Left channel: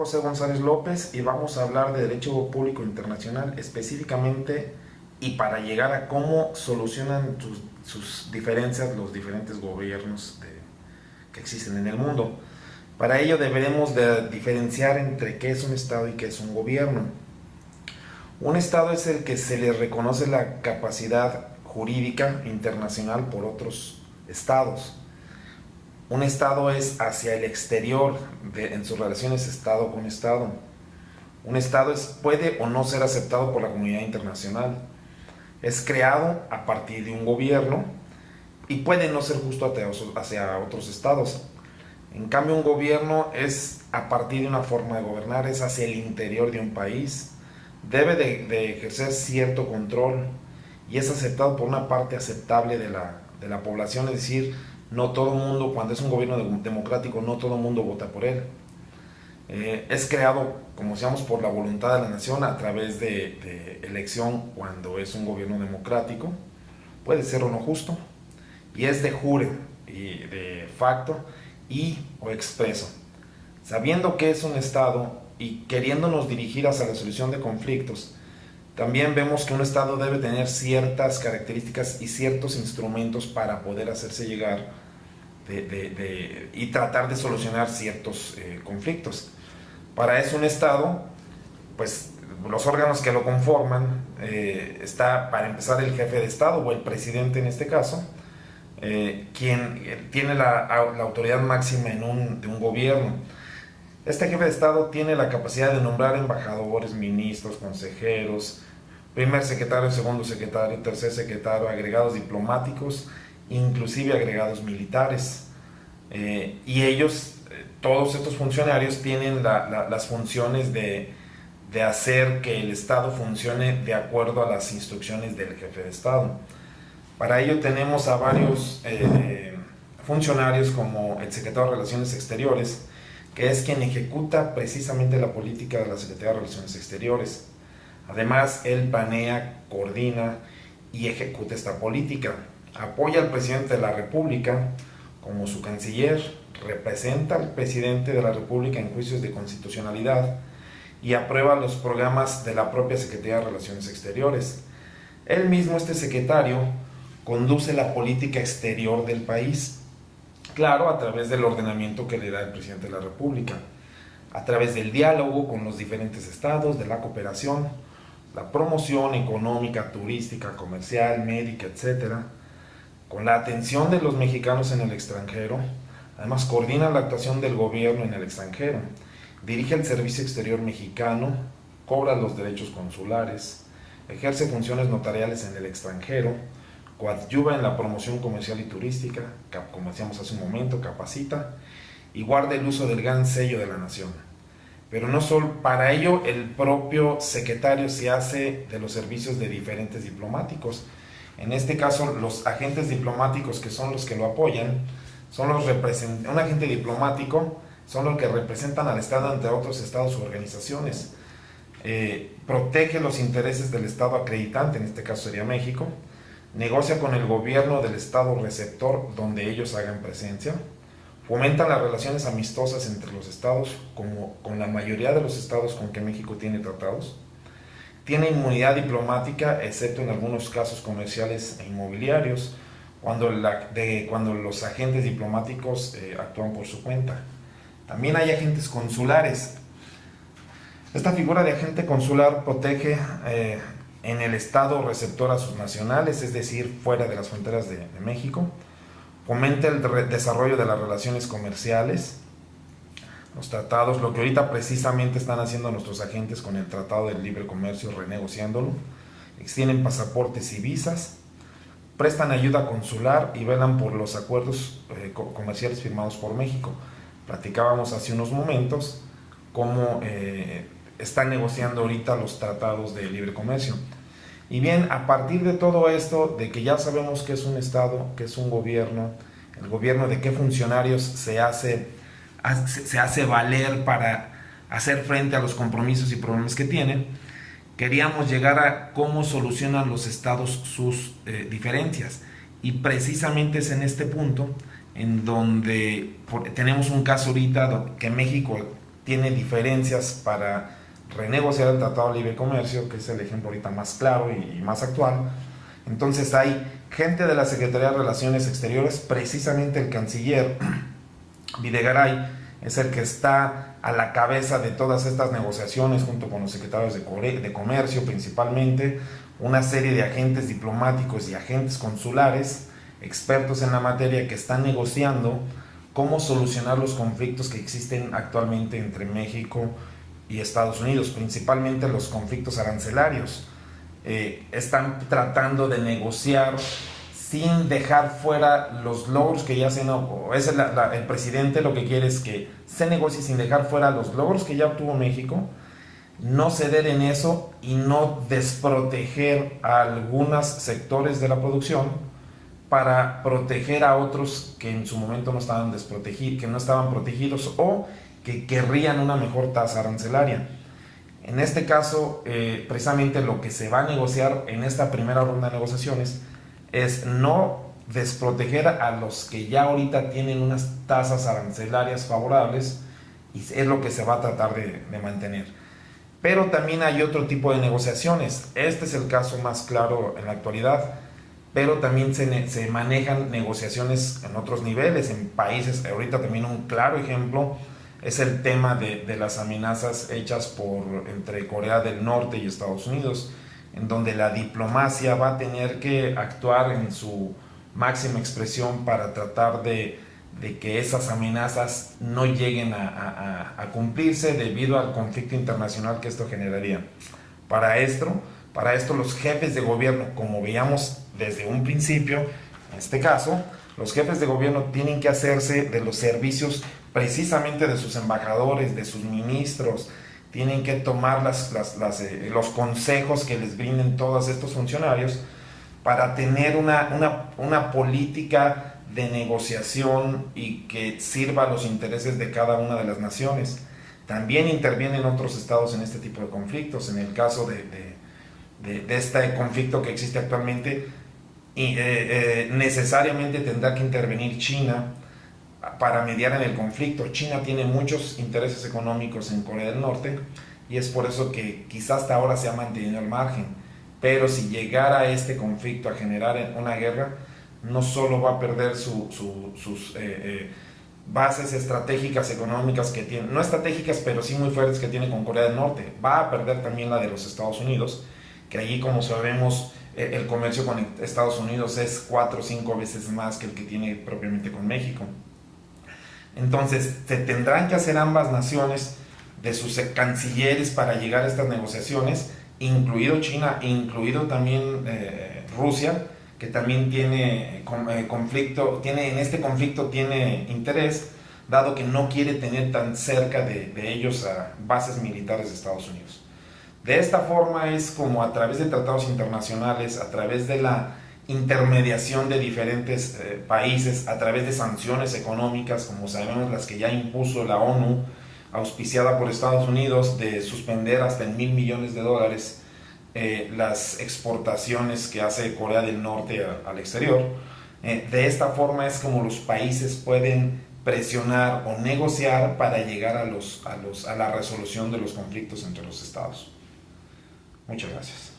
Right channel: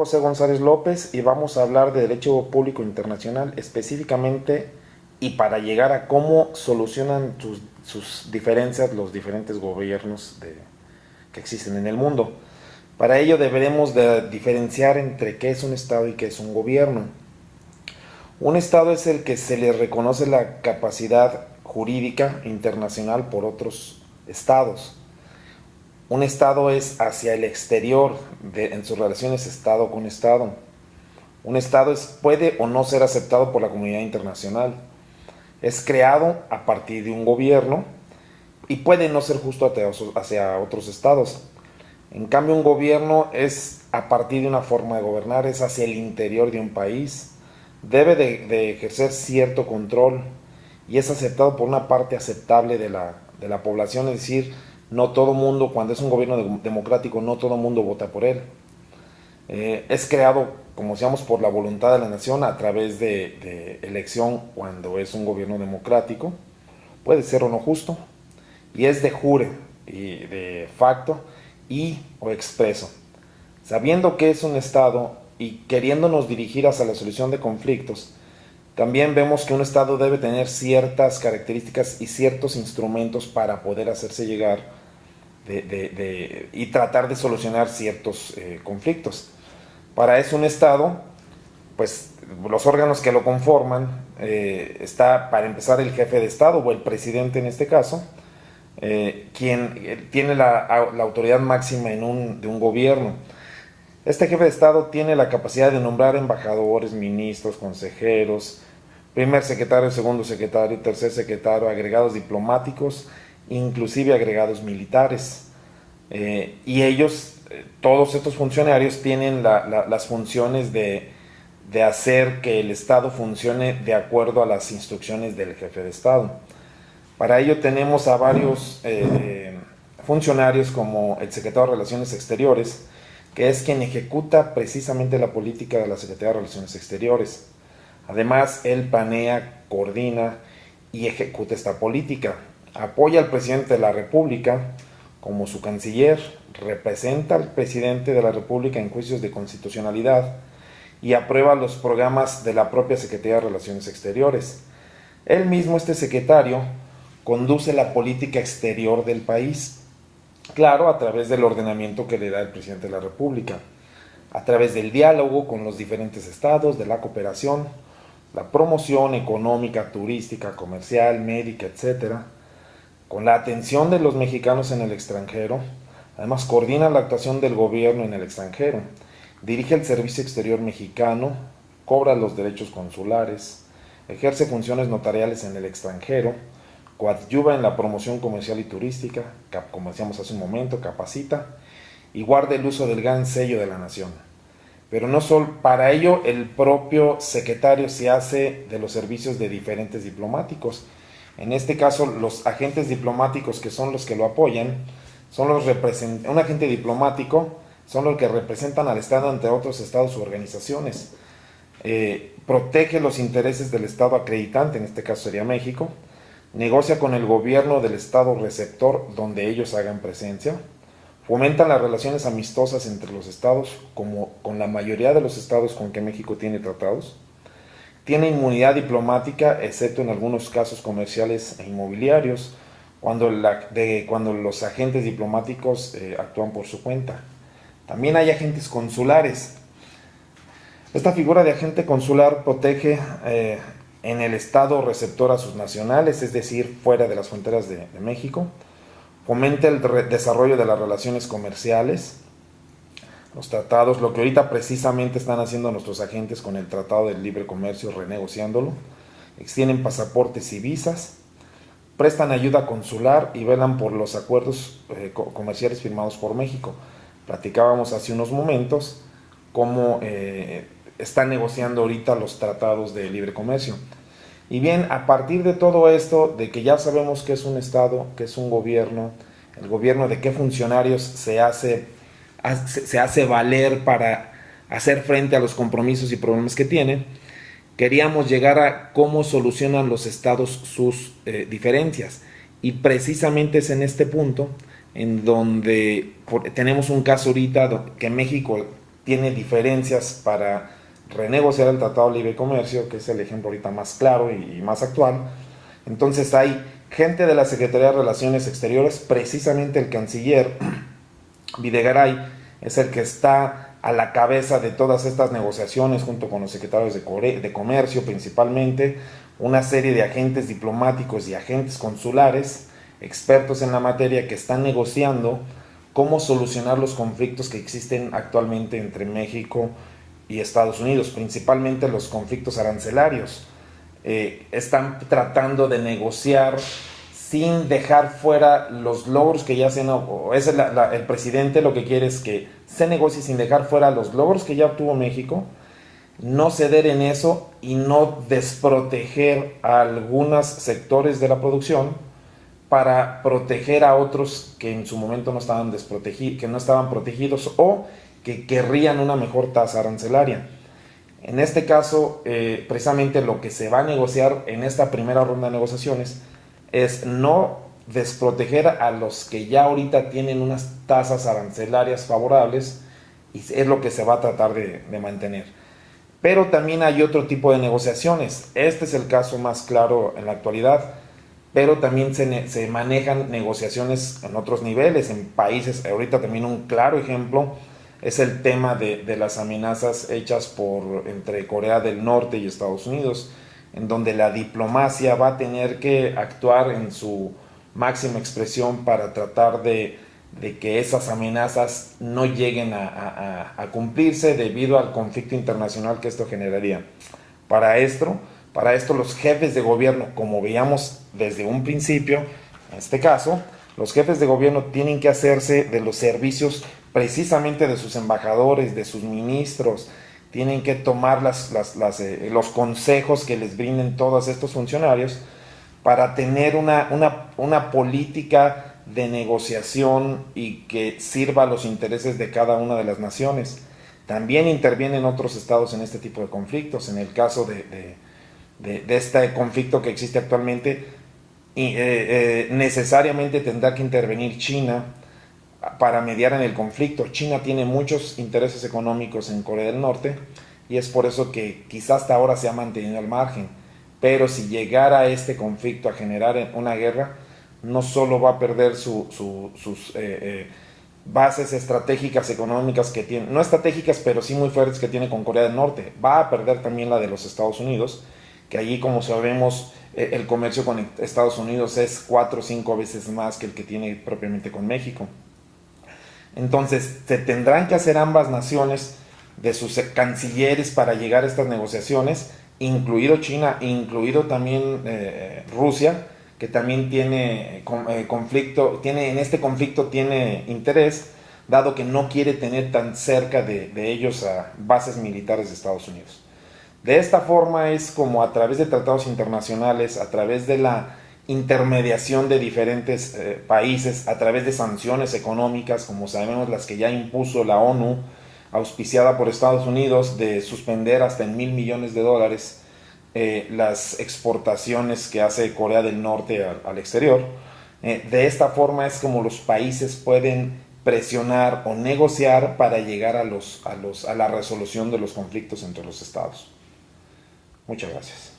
José González López y vamos a hablar de Derecho Público Internacional específicamente y para llegar a cómo solucionan sus diferencias los diferentes gobiernos que existen en el mundo. Para ello deberemos de diferenciar entre qué es un Estado y qué es un gobierno. Un Estado es el que se le reconoce la capacidad jurídica internacional por otros Estados. Un Estado es hacia el exterior en sus relaciones Estado con Estado. Un Estado puede o no ser aceptado por la comunidad internacional. Es creado a partir de un gobierno y puede no ser justo hacia otros estados. En cambio, un gobierno es a partir de una forma de gobernar, es hacia el interior de un país. Debe de ejercer cierto control y es aceptado por una parte aceptable de la población, es decir, no todo mundo, cuando es un gobierno democrático, no todo mundo vota por él. Es creado, como decíamos, por la voluntad de la nación a través de elección cuando es un gobierno democrático. Puede ser o no justo, y es de jure y de facto y o expreso. Sabiendo que es un Estado y queriéndonos dirigir hacia la solución de conflictos, también vemos que un Estado debe tener ciertas características y ciertos instrumentos para poder hacerse llegar y tratar de solucionar ciertos conflictos. Para eso un Estado, pues los órganos que lo conforman, está para empezar el jefe de Estado o el presidente en este caso, quien tiene la autoridad máxima de un gobierno. Este jefe de Estado tiene la capacidad de nombrar embajadores, ministros, consejeros, primer secretario, segundo secretario, tercer secretario, agregados diplomáticos, inclusive agregados militares. Y ellos, todos estos funcionarios, tienen las funciones de hacer que el Estado funcione de acuerdo a las instrucciones del jefe de Estado. Para ello tenemos a varios funcionarios como el secretario de Relaciones Exteriores, que es quien ejecuta precisamente la política de la Secretaría de Relaciones Exteriores. Además, él planea, coordina y ejecuta esta política. Apoya al presidente de la República como su canciller, representa al presidente de la República en juicios de constitucionalidad y aprueba los programas de la propia Secretaría de Relaciones Exteriores. Él mismo, este secretario, conduce la política exterior del país, claro, a través del ordenamiento que le da el presidente de la República, a través del diálogo con los diferentes estados, de la cooperación, la promoción económica, turística, comercial, médica, etcétera, con la atención de los mexicanos en el extranjero. Además, coordina la actuación del gobierno en el extranjero, dirige el servicio exterior mexicano, cobra los derechos consulares, ejerce funciones notariales en el extranjero, coadyuva en la promoción comercial y turística, como decíamos hace un momento, capacita y guarda el uso del gran sello de la nación. Pero no solo para ello, el propio secretario se hace de los servicios de diferentes diplomáticos. En este caso, los agentes diplomáticos, que son los que lo apoyan, son un agente diplomático son los que representan al Estado ante otros estados u organizaciones. Protege los intereses del Estado acreditante, en este caso sería México. Negocia con el gobierno del Estado receptor donde ellos hagan presencia. Fomenta las relaciones amistosas entre los estados, como con la mayoría de los estados con que México tiene tratados. Tiene inmunidad diplomática, excepto en algunos casos comerciales e inmobiliarios, cuando los agentes diplomáticos actúan por su cuenta. También hay agentes consulares. Esta figura de agente consular protege en el estado receptor a sus nacionales, es decir, fuera de las fronteras de México. Fomenta el desarrollo de las relaciones comerciales, los tratados, lo que ahorita precisamente están haciendo nuestros agentes con el Tratado del Libre Comercio, renegociándolo. Extienden pasaportes y visas, prestan ayuda consular y velan por los acuerdos comerciales firmados por México. Platicábamos hace unos momentos cómo están negociando ahorita los tratados de libre comercio. Y bien, a partir de todo esto, de que ya sabemos que es un Estado, que es un gobierno, el gobierno de qué funcionarios se hace valer para hacer frente a los compromisos y problemas que tiene, queríamos llegar a cómo solucionan los estados sus diferencias. Y precisamente es en este punto en donde tenemos un caso ahorita que México tiene diferencias para renegociar el Tratado de Libre Comercio, que es el ejemplo ahorita más claro y más actual. Entonces hay gente de la Secretaría de Relaciones Exteriores, precisamente el canciller Videgaray es el que está a la cabeza de todas estas negociaciones junto con los secretarios de Comercio principalmente, una serie de agentes diplomáticos y agentes consulares, expertos en la materia, que están negociando cómo solucionar los conflictos que existen actualmente entre México y Estados Unidos, principalmente los conflictos arancelarios. Están tratando de negociar sin dejar fuera los logros que ya se han... el presidente lo que quiere es que se negocie sin dejar fuera los logros que ya obtuvo México, no ceder en eso y no desproteger a algunos sectores de la producción para proteger a otros que en su momento no estaban desprotegidos, que no estaban protegidos o que querrían una mejor tasa arancelaria. En este caso, precisamente lo que se va a negociar en esta primera ronda de negociaciones es no desproteger a los que ya ahorita tienen unas tasas arancelarias favorables, y es lo que se va a tratar de mantener. Pero también hay otro tipo de negociaciones. Este es el caso más claro en la actualidad, pero también se manejan negociaciones en otros niveles, en países. Ahorita también un claro ejemplo es el tema de las amenazas hechas entre Corea del Norte y Estados Unidos, en donde la diplomacia va a tener que actuar en su máxima expresión para tratar de que esas amenazas no lleguen a cumplirse debido al conflicto internacional que esto generaría. Para esto los jefes de gobierno, como veíamos desde un principio, en este caso, los jefes de gobierno tienen que hacerse de los servicios precisamente de sus embajadores, de sus ministros, tienen que tomar los consejos que les brinden todos estos funcionarios para tener una política de negociación y que sirva a los intereses de cada una de las naciones. También intervienen otros estados en este tipo de conflictos. En el caso de este conflicto que existe actualmente, necesariamente tendrá que intervenir China para mediar en el conflicto. China tiene muchos intereses económicos en Corea del Norte y es por eso que quizás hasta ahora se ha mantenido al margen. Pero si llegara este conflicto a generar una guerra, no solo va a perder sus bases estratégicas económicas que tiene, no estratégicas, pero sí muy fuertes que tiene con Corea del Norte, va a perder también la de los Estados Unidos, que allí, como sabemos, el comercio con Estados Unidos es 4 o 5 veces más que el que tiene propiamente con México. Entonces, se tendrán que hacer ambas naciones de sus cancilleres para llegar a estas negociaciones, incluido China, incluido también Rusia, que también tiene en este conflicto tiene interés, dado que no quiere tener tan cerca de ellos a bases militares de Estados Unidos. De esta forma es como, a través de tratados internacionales, a través de la intermediación de diferentes países, a través de sanciones económicas, como sabemos las que ya impuso la ONU, auspiciada por Estados Unidos, de suspender hasta en $1,000 millones las exportaciones que hace Corea del Norte al exterior. De esta forma es como los países pueden presionar o negociar para llegar a la resolución de los conflictos entre los estados. Muchas gracias.